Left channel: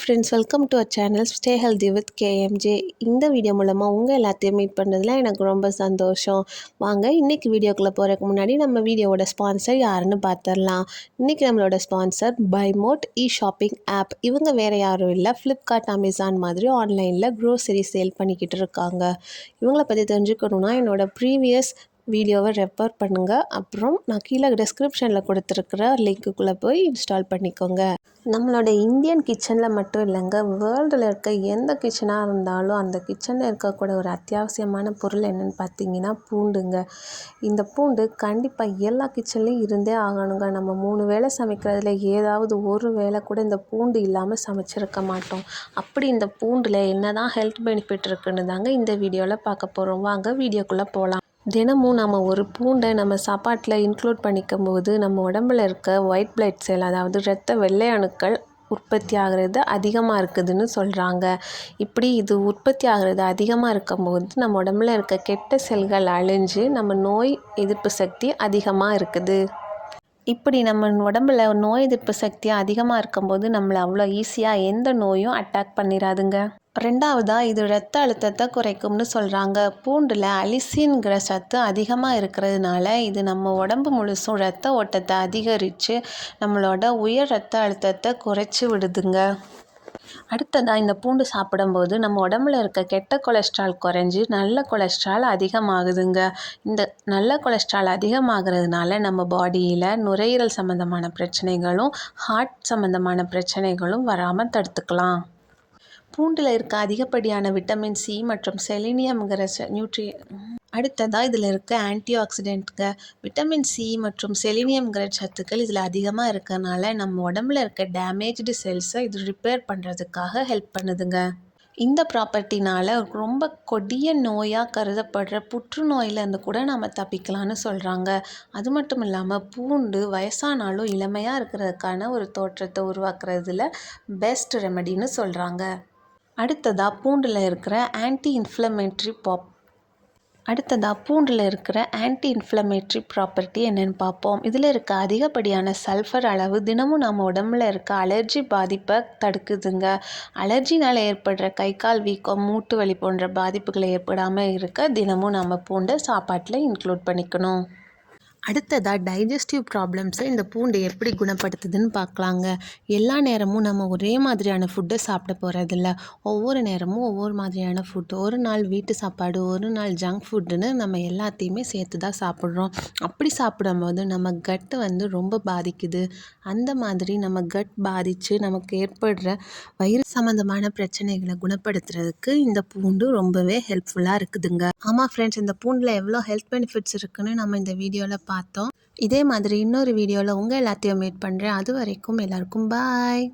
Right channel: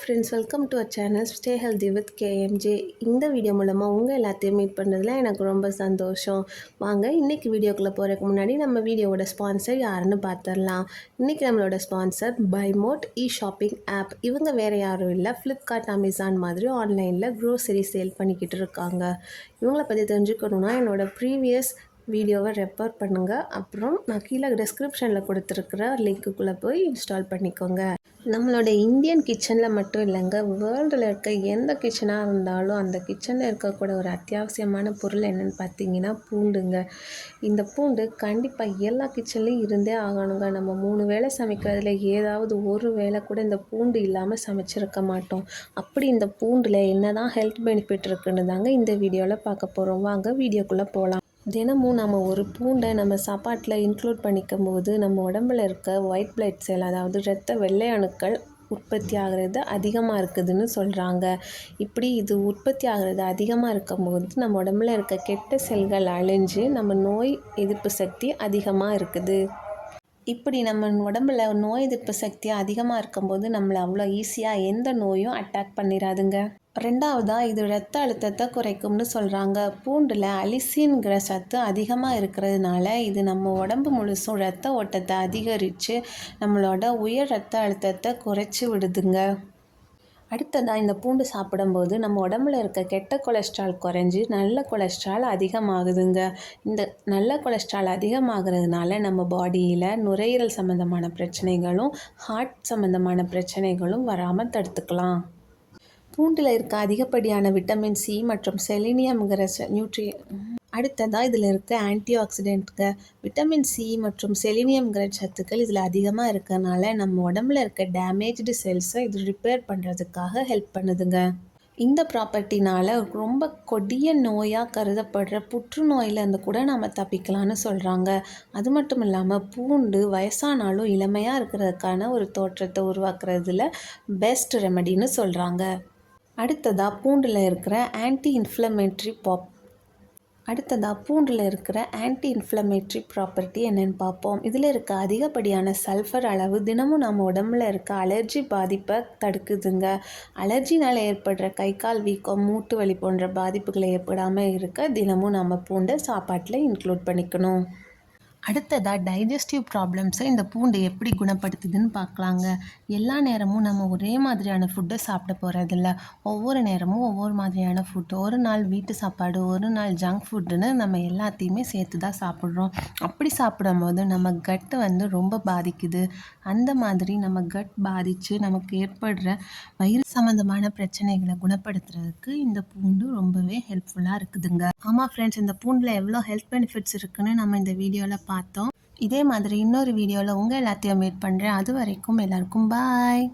Friends, welcome to our channel stay healthy with KMJ. இந்த video மூலமாக உங்கள் எல்லாத்தையும் மீட் பண்ணதில் எனக்கு ரொம்ப சந்தோஷம். வாங்க இன்றைக்கி வீடியோக்குள்ளே போகிறதுக்கு முன்னாடி நம்ம வீடியோவோட ஸ்பான்சர் யாருன்னு பார்த்துடலாம். இன்றைக்கி நம்மளோட ஸ்பான்சர் பைமோட் ஷாப்பிங் ஆப். இவங்க வேறு யாரும் இல்லை, ஃப்ளிப்கார்ட், அமேசான் மாதிரி ஆன்லைனில் க்ரோசரி சேல் பண்ணிக்கிட்டு இருக்காங்க. இவங்கள பற்றி தெரிஞ்சுக்கணுன்னா என்னோட ப்ரீவியஸ் வீடியோவை ரெஃபர் பண்ணுங்கள். அப்புறம் நான் கீழே டிஸ்கிரிப்ஷனில் கொடுத்துருக்குற லிங்க்குள்ளே போய் இன்ஸ்டால் பண்ணிக்கோங்க. நம்மளோட இந்தியன் கிச்சனில் மட்டும் இல்லைங்க, வேர்ல்டில் இருக்க எந்த கிச்சனாக இருந்தாலும் அந்த கிச்சனில் இருக்கக்கூடிய ஒரு அத்தியாவசியமான பொருள் என்னென்னு பார்த்தீங்கன்னா பூண்டுங்க. இந்த பூண்டு கண்டிப்பாக எல்லா கிச்சன்லேயும் இருந்தே ஆகணுங்க. நம்ம 3 வேளை சமைக்கிறதுல ஏதாவது ஒரு வேளை கூட இந்த பூண்டு இல்லாமல் சமைச்சிருக்க மாட்டோம். அப்படி இந்த பூண்டில் என்ன தான் ஹெல்த் பெனிஃபிட் இருக்குன்னு தாங்க இந்த வீடியோவில் பார்க்க போகிறோம். வாங்க வீடியோக்குள்ளே போகலாம். தினமும் நம்ம ஒரு பூண்டை நம்ம சாப்பாட்டில் இன்க்ளூட் பண்ணிக்கும் போது நம்ம உடம்புல இருக்க ஒயிட் பிளட் செல், அதாவது இரத்த வெள்ளை அணுக்கள் உற்பத்தி ஆகிறது அதிகமாக இருக்குதுன்னு சொல்கிறாங்க. இப்படி இது உற்பத்தி ஆகிறது அதிகமாக இருக்கும்போது நம்ம உடம்புல இருக்க கெட்ட செல்கள் அழிஞ்சு நம்ம நோய் எதிர்ப்பு சக்தி அதிகமாக இருக்குது. இப்படி நம்ம உடம்புல நோய் எதிர்ப்பு சக்தி அதிகமாக இருக்கும்போது நம்மளை அவ்வளோ ஈஸியாக எந்த நோயும் அட்டாக் பண்ணிடாதுங்க. ரெண்டாவதாக இது இரத்த அழுத்தத்தை குறைக்கும்னு சொல்கிறாங்க. பூண்டில் அலிசின்கிற சத்து அதிகமாக இருக்கிறதுனால இது நம்ம உடம்பு முழுசும் இரத்த ஓட்டத்தை அதிகரித்து நம்மளோட உயர் இரத்த அழுத்தத்தை குறைச்சி விடுதுங்க. அடுத்ததாக இந்த பூண்டு சாப்பிடும்போது நம்ம உடம்புல இருக்க கெட்ட கொலஸ்ட்ரால் குறைஞ்சி நல்ல கொலஸ்ட்ரால் அதிகமாகுதுங்க. இந்த நல்ல கொலஸ்ட்ரால் அதிகமாகிறதுனால நம்ம பாடியில் நுரையீரல் சம்மந்தமான பிரச்சனைகளும் ஹார்ட் சம்மந்தமான பிரச்சனைகளும் வராமல் தடுத்துக்கலாம். பூண்டில் இருக்க அதிகப்படியான விட்டமின் சி மற்றும் செலினியம்ங்கிற அடுத்ததாக இதில் இருக்க ஆன்டி ஆக்சிடென்ட்ங்க. விட்டமின் சி மற்றும் செலினியம்ங்கிற சத்துக்கள் இதில் அதிகமாக இருக்கறனால நம்ம உடம்புல இருக்க டேமேஜ்டு செல்ஸை இது ரிப்பேர் பண்ணுறதுக்காக ஹெல்ப் பண்ணுதுங்க. இந்த ப்ராப்பர்ட்டினால் ரொம்ப கொடிய நோயாக கருதப்படுற புற்றுநோயிலேருந்து கூட நம்ம தப்பிக்கலான்னு சொல்கிறாங்க. அது மட்டும் இல்லாமல் பூண்டு வயசானாலும் இளமையாக இருக்கிறதுக்கான ஒரு தோற்றத்தை உருவாக்குறதுல பெஸ்ட் ரெமெடின்னு சொல்கிறாங்க. அடுத்ததாக பூண்டில் இருக்கிற ஆன்டி இன்ஃப்ளமேட்ரி ப்ராப்பர்ட்டி என்னென்னு பார்ப்போம். இதில் இருக்க அதிகப்படியான சல்ஃபர் அளவு தினமும் நம்ம உடம்புல இருக்க அலர்ஜி பாதிப்பை தடுக்குதுங்க. அலர்ஜினால் ஏற்படுற கை கால் வீக்கம், மூட்டு வலி போன்ற பாதிப்புகளை ஏற்படாமல் இருக்க தினமும் நம்ம பூண்டை சாப்பாட்டில் இன்க்ளூட் பண்ணிக்கணும். அடுத்ததாக டைஜஸ்டிவ் ப்ராப்ளம்ஸை இந்த பூண்டு எப்படி குணப்படுத்துதுன்னு பார்க்கலாங்க. எல்லா நேரமும் நம்ம ஒரே மாதிரியான ஃபுட்டை சாப்பிட போகிறதில்ல. ஒவ்வொரு நேரமும் ஒவ்வொரு மாதிரியான ஃபுட்டு, ஒரு நாள் வீட்டு சாப்பாடு, ஒரு நாள் ஜங்க் ஃபுட்டுன்னு நம்ம எல்லாத்தையுமே சேர்த்து தான் சாப்பிட்றோம். அப்படி சாப்பிடும்போது நம்ம கட்டு ரொம்ப பாதிக்குது. அந்த மாதிரி நம்ம கட் பாதித்து நமக்கு ஏற்படுற வயிறு சம்மந்தமான பிரச்சனைகளை குணப்படுத்துறதுக்கு இந்த பூண்டு ரொம்பவே ஹெல்ப்ஃபுல்லாக இருக்குதுங்க. ஆமாம் ஃப்ரெண்ட்ஸ், இந்த பூண்டில் எவ்வளோ ஹெல்த் பெனிஃபிட்ஸ் இருக்குன்னு நம்ம இந்த வீடியோவில் பார்த்தோம். இதே மாதிரி இன்னொரு வீடியோவில் உங்கள் எல்லாத்தையும் மீட் பண்ணுறேன். அது வரைக்கும் எல்லாருக்கும் பாய்.